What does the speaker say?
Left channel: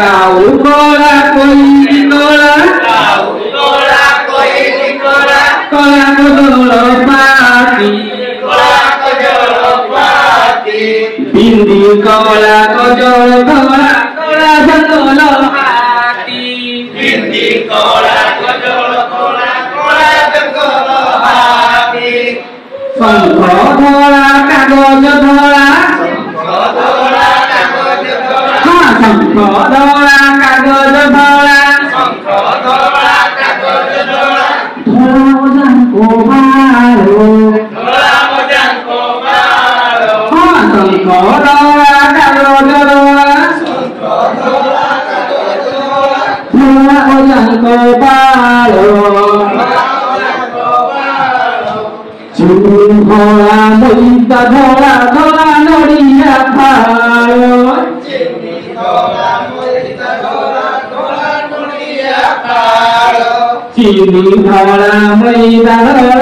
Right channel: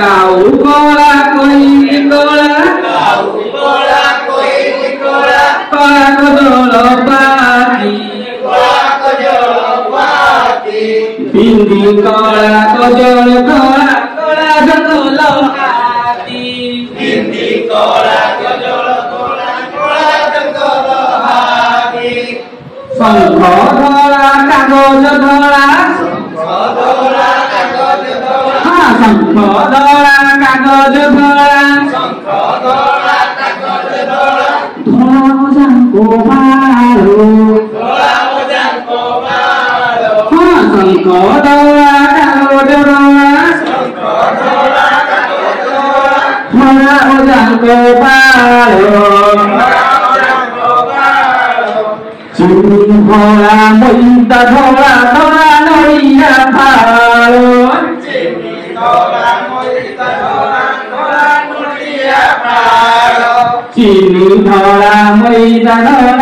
Kau kola koi kola, kau kola koi kola, kola kodolo pati, kola kojolo pati, bindi kola kojolo kola, kola jodolo hati, bindi kola kojolo kola, kola jodolo hati, sangko kola kagoj dola, sangko dola kagoj dola, sangko dola kagoj dola, sangko dola kagoj dola, dola mojangko baru, dola mojangko baru, sangko dola kagoj dola, sangko dola kagoj dola, dola mojangko baru, dola mojangko baru, Jumhola moita dola dola noria palo, cini dola moita dola dola mulia baru, Jini dola moita dola